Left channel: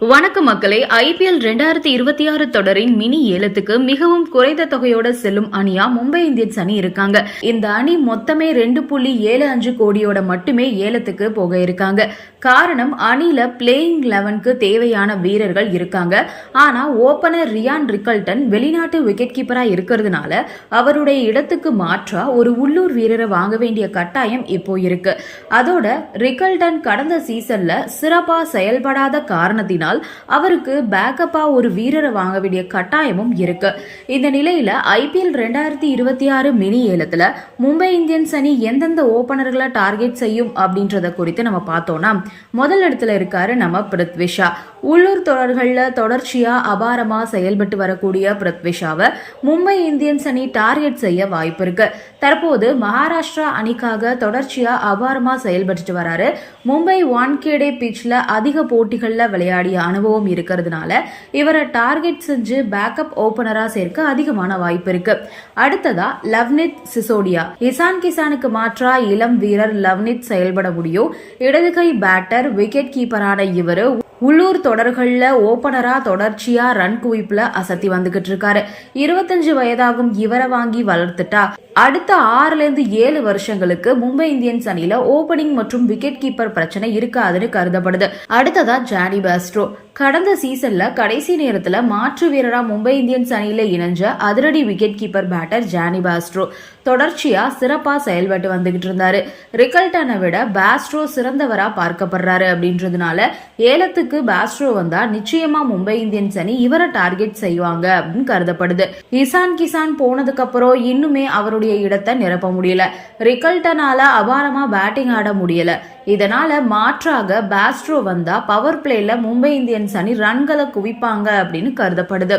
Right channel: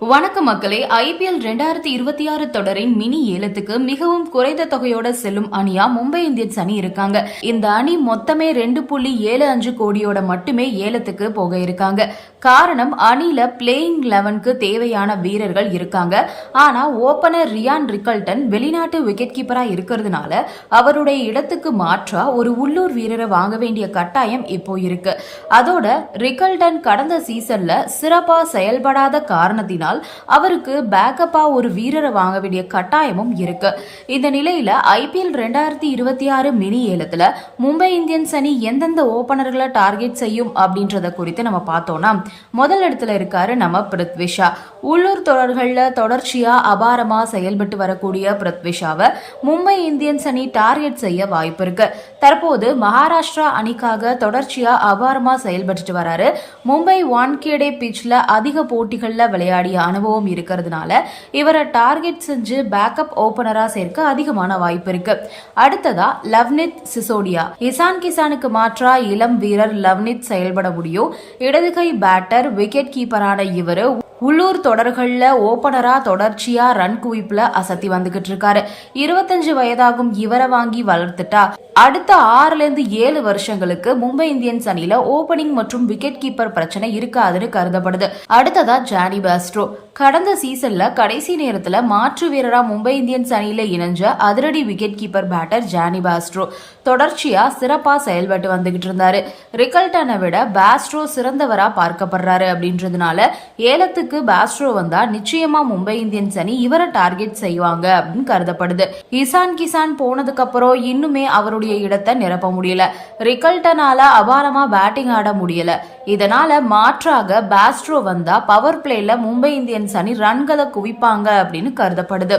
வணக்கம் மக்களே ஐபிஎல் ரெண்டாயிரத்தி இருபத்தி ஆறு தொடரின் மினி ஏலத்துக்கு மிகவும் குறைந்த தொகையோட செல்லும் அணியா மும்பை இந்தியன்ஸ் அணி இருக்காங்க. இந்த அணி மொத்தமே ரெண்டு புள்ளி ஏழு அஞ்சு கோடியோட மட்டுமே ஏலத்துக்கு போக இருக்காங்க. காரணம் அணில பிளேயிங் லெவனுக்கு தேவையான வீரர்கள் இருக்காங்க. ஆனா ஓபனர் ரியான் ரிக்கல்டன் வெளிநாட்டு விக்கெட் கீப்பரா இருக்கிறதுனால அவருடைய இடத்துக்கு மாற்றா ஒரு உள்ளூர் வீரரை வாங்க வேண்டிய கட்டாயம் இப்போ இருக்கு. அதோட ரிக்கல்டன் கடந்த சீசன்ல சிறப்பா செயல்படாத காரணத்தினால் அவருக்கு பேக்கப்பா ஒரு வீரரை வாங்க வேண்டிய கட்டாயமும் இருக்கு. இந்த நிலையில ஐபிஎல் ரெண்டாயிரத்தி இருபத்தி ஆறு மினி ஏலத்துல மும்பை இந்தியன்ஸ் அணி எந்தெந்த ஓபனர்களை டார்கெட் செய்யும் அப்படின்றத குறித்து நம்ம பார்த்தோம்னா முதல் இடத்துல இருக்காரு நம்ம பிருத்விஷா. உள்ளூர் தொடர்கள்ல தொடர்ச்சியா அபாரமா செயல்பட்டு வரக்கூடிய பிருத்விஷாவை மும்பை இந்தியன்ஸ் அணி டார்கெட் செய்ய வாய்ப்பு இருக்கு. தற்போது மகாராஷ்டிரா அணிக்காக தொடர்ச்சியா அபாரமா செயல்பட்டு வராரு. மும்பை வான்கேடே பிச்ல அதிக போட்டிகள்ல விளையாடிய அனுபவம் இருக்கிறதுனால இவரை டார்கெட் செஞ்சு பேக்கப் ஓபனரா சேர்க்க அதிகமான வாய்ப்பு இருக்கு. அடுத்ததா லவ்னித் சிசோடியா. இசான் கிசானுக்கு மாற்றா இளம் வீரர் லவ்னித் செயல்பட முடியும். இடதுகை பேட்டர் விக்கெட் கீப்பரான இவரு உள்ளூர் தொடர்கள்ல ஓபனரா தொடர்ச்சியா ரன் குவிப்பில் அசத்தி வந்துகிட்டு இருக்காரு. இருபத்தஞ்சு வயதாகும் இவரை வாங்கி வளர்த்துட்டா. அடுத்த ஆறுல இருந்து ஏழு வருஷங்களுக்கு மும்பை இந்தியன்ஸ் அணியில ஓபனிங் மற்றும் விக்கெட் கீப்பர் பிரச்சனை இருக்காதுன்னு கருதப்படுது. அடுத்ததா ஜானி பாஸ்ட்ரோ. கடந்த சீசன்ல கடைசி நேரத்துல மாற்று வீரரா மும்பை இந்தியன்ஸ் அணியில இணைஞ்ச அதிரடி wicket keeper batter Jonny Bairstow. தொடர்ச்சியா சிறப்பா செயல்பட்டு வந்துகிட்டு இருந்தாரு. ரிக்கல்டனை விட பாஸ்ட்ரோ சிறந்தவரா பார்க்கப்படுறாரு அப்படின்றதுனால ஏலத்துக்கு பாஸ்ட்ரோ வந்தா நிச்சயமா மும்பை இந்தியன்ஸ் அணி இவரை டார்கெட் செய்வாங்க அப்படின்னு கருதப்படுது. இசான் கிசான் போனதுக்கு அப்புறம் இன்னுமே அவருடைய இடத்தை நிரப்ப முடியல. ரிக்கல்டனால அபாரமா பேட்டிங் ஆட முடியல. இதனால மாற்றாக பாஸ்ட்ரோ வந்தா பவர் பிளேல மும்பை இந்தியன்ஸ் அணி ரன்களை குவிப்பாங்க அப்படின்னு கருதப்படுது.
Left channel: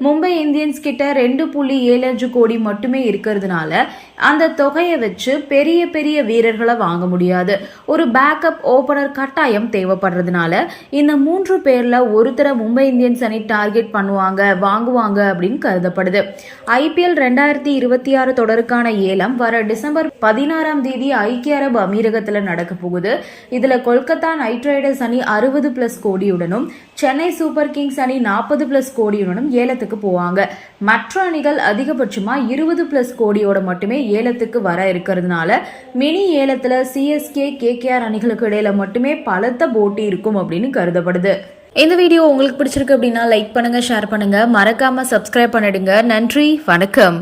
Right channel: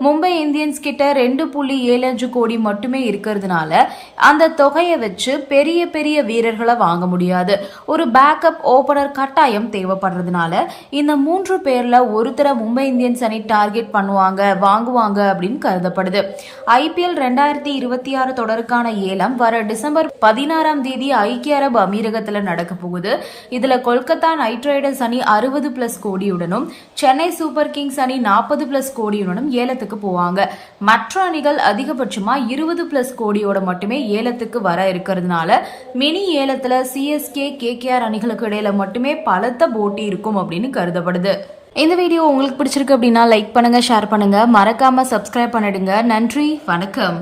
மும்பை இந்தியன்ஸ் கிட்ட ரெண்டு புள்ளி ஏழு அஞ்சு கோடி மட்டுமே இருக்கிறதுனால அந்த தொகையை வச்சு பெரிய பெரிய வீரர்களை வாங்க முடியாது. ஒரு பேக்கப் ஓபனர் கட்டாயம் தேவைப்படுறதுனால இந்த மூன்று பேர்ல ஒருத்தரை மும்பை இந்தியன்ஸ் அணி டார்கெட் பண்ணுவாங்க வாங்குவாங்க அப்படின்னு கருதப்படுது. ஐபிஎல் ரெண்டாயிரத்தி இருபத்தி ஆறு தொடருக்கான ஏலம் வர டிசம்பர் பதினாறாம் தேதி ஐக்கிய அரபு அமீரகத்தில் நடக்க போகுது. இதுல கொல்கத்தா நைட் ரைடர்ஸ் அணி அறுபது பிளஸ் கோடியுடனும் சென்னை சூப்பர் கிங்ஸ் அணி நாற்பது பிளஸ் கோடியுடனும் ஏலத்துக்கு போவாங்க. மற்ற அணிகள் அதிகபட்சமா இருபது பிளஸ் கோடியோட மட்டுமே ஏலத்துக்கு வர இருக்கிறதுனால மினி ஏலத்துல சிஎஸ்கே கேகேஆர் அணிகளுக்கு இடையில மட்டுமே பலத்த போட்டி இருக்கும் அப்படின்னு கருதப்படுது. இந்த வீடியோ உங்களுக்கு பிடிச்சிருக்கு அப்படின்னா லைக் பண்ணுங்க ஷேர் பண்ணுங்க. மறக்காம சப்ஸ்கிரைப் பண்ணிடுங்க. நன்றி வணக்கம்.